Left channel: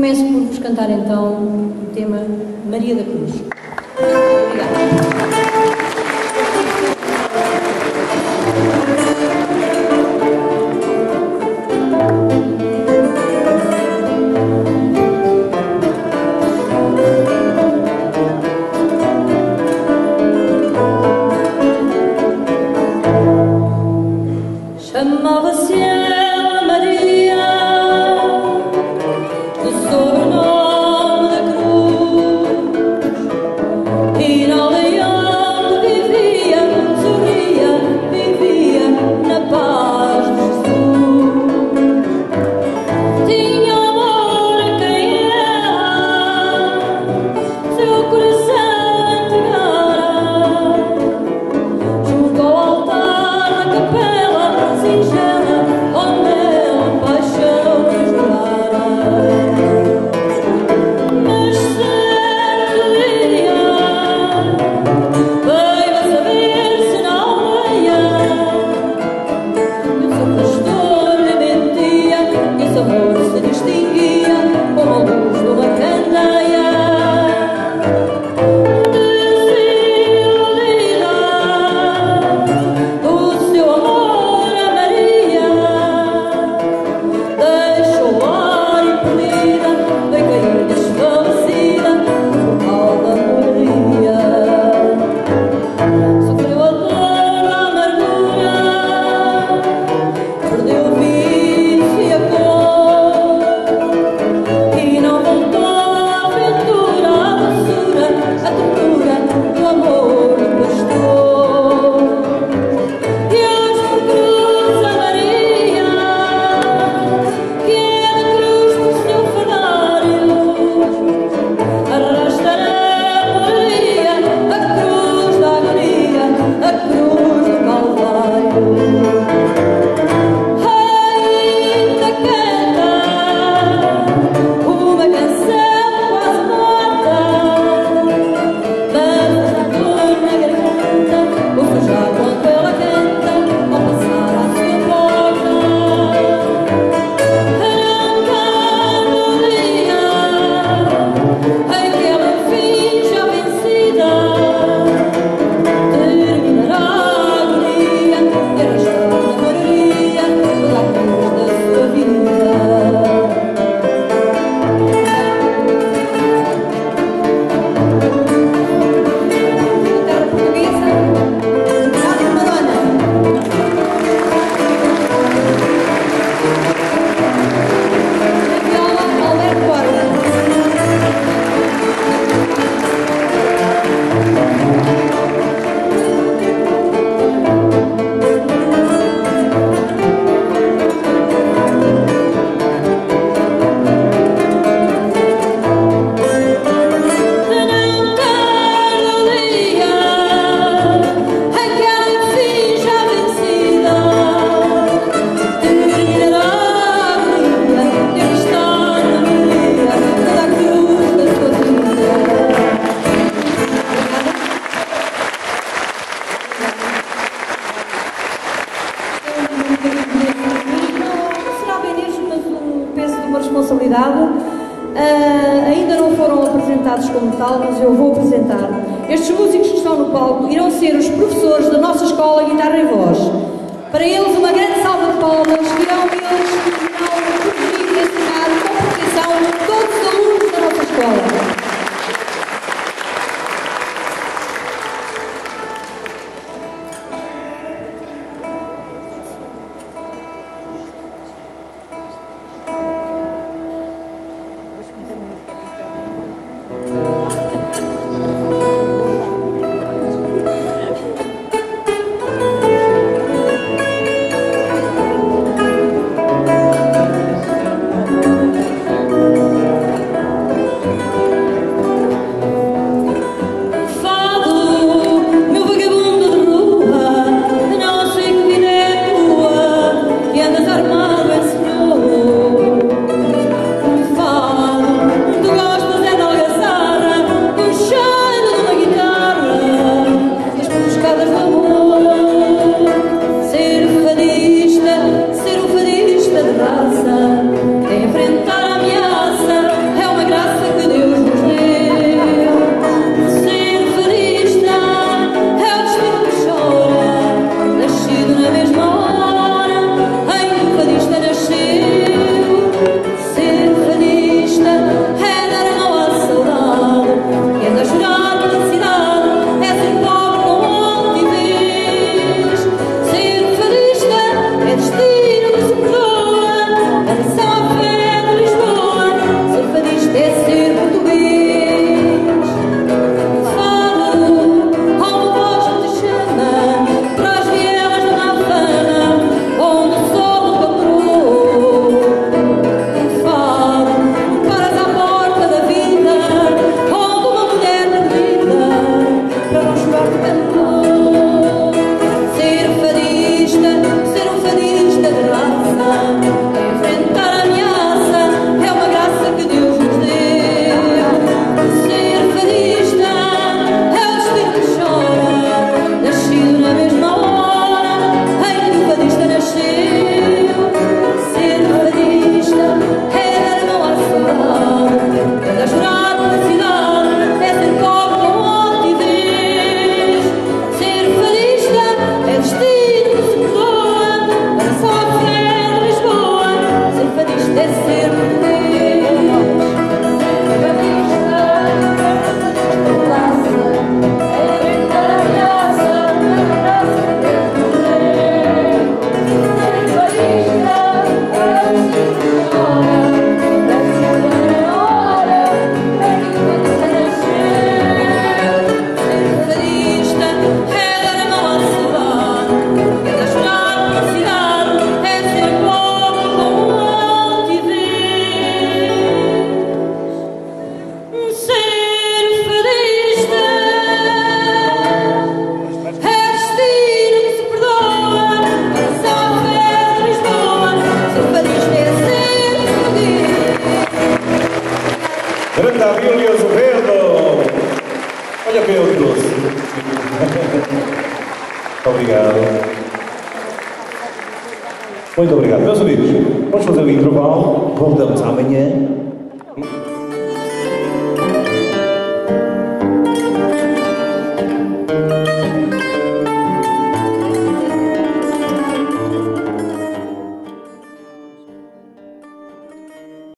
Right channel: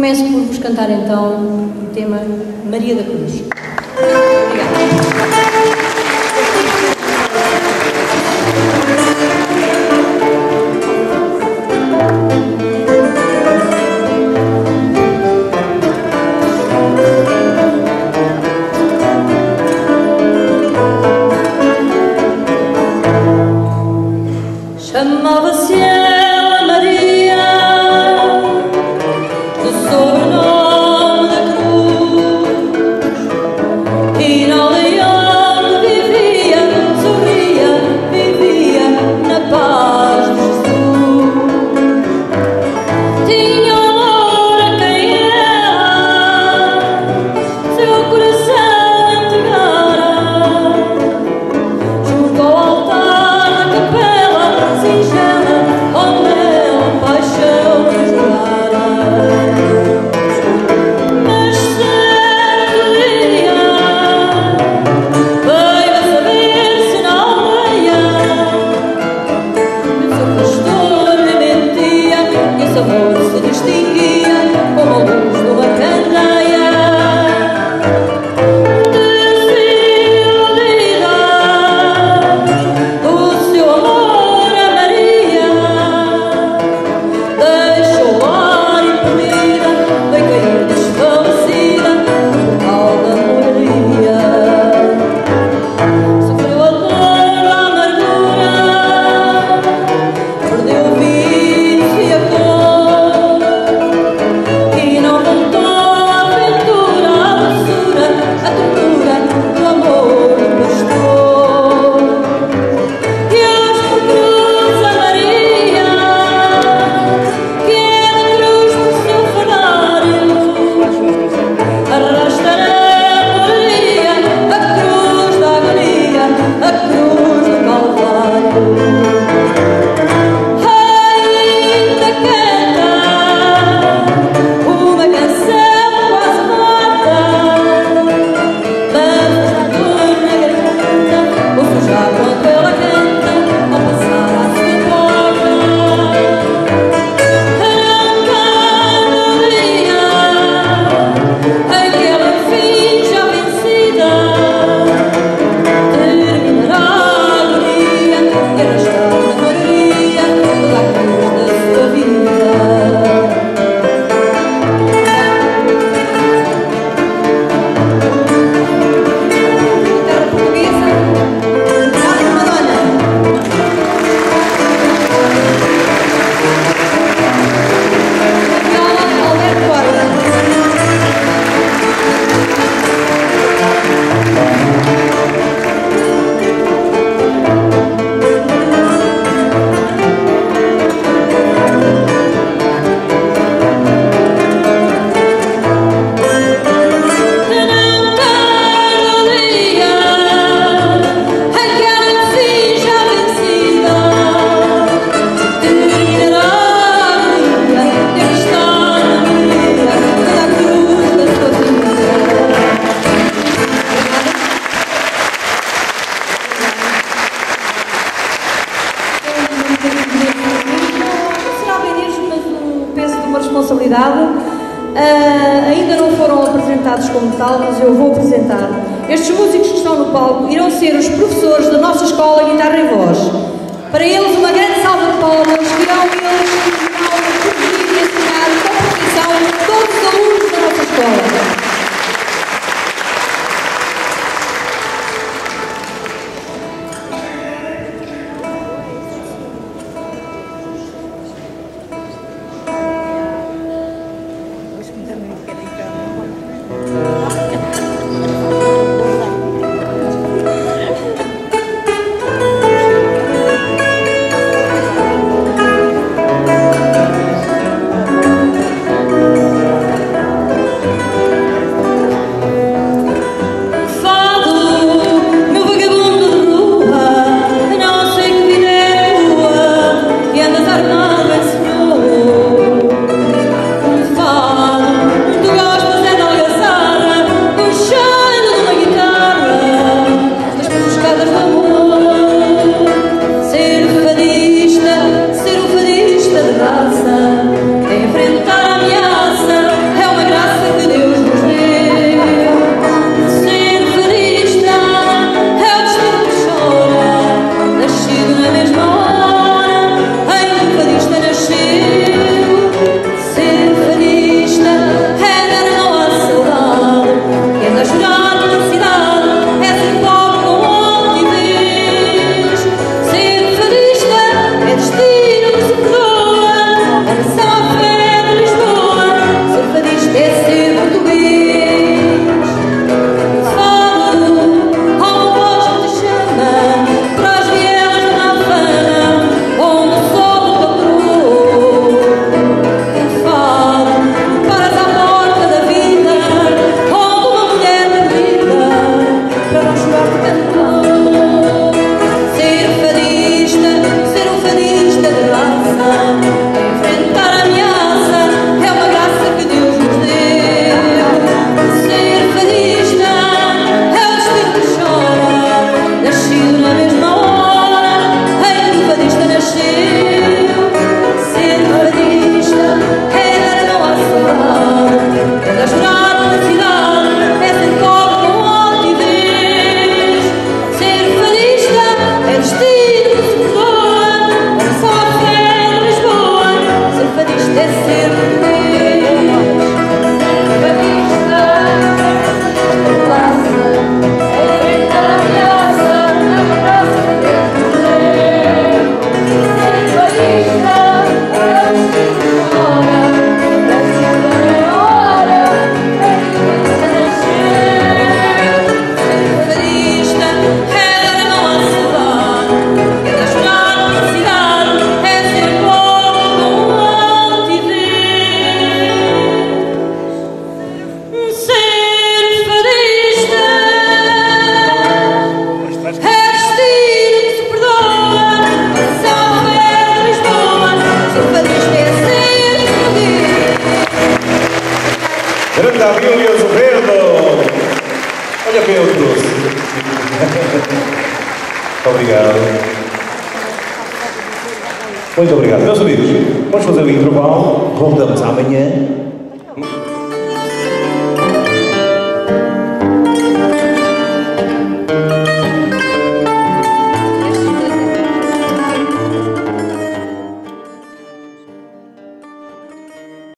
Começo por vos cantar então o tema Maria da Cruz. Obrigada. Chamava-se ela Maria, do sobrenome da cruz, e na aldeia onde vivia, sorria, vivia na paz de Jesus. Tinha amor a quem ela seu coração entregara, junto ao altar da capela singela, onde ela paixão jurara. Mas certo dia veio a saber-se na aldeia que o seu pastor lhe mentia, que esse amor se distinguia como a luz de uma candeia. Desiludida do seu amor a Maria, deixou-a impelida, veio cair desfalecida no portal da moraria. Sofreu a dor da amargura, perdeu o vício e a cor, e não voltou à aventura, à doçura, à ternura do amor do pastor. E hoje por cruz a Maria, que é da cruz por seu fanário, arrasta na moraria a cruz da agonia, a cruz do Calvário. Ainda canta uma canção quase morta, mas a dor na garganta, ouço já quando ela canta, ao passar à sua porta. Arrancando o dia em que ela enfim já vencida terminará a agonia e arrastar na moraria toda a cruz da sua vida. Guitarra portuguesa, Carlos Madonna. Viola, Alberto Borba. De não tarde o dia em que ela enfim já vencida terminará a agonia de estar na moraria toda a cruz da sua vida. Não será bem isto, mas um peso de uma responsabilidade. Ainda não foram apresentados como tal, mas eu vou apresentar. Estes músicos que estão no palco irão ser os professores da nossa escola Guitarra e Voz. Para eles, uma grande salva de palmas, que irão eles corrigir e ensinar com perfeição todos os alunos da nossa escola. canta Abílio Azevedo. Olha quem eu trouxe. Obrigado. Muito obrigado. Meus amigos, vamos fazer o intervalo. Voltamos amanhã.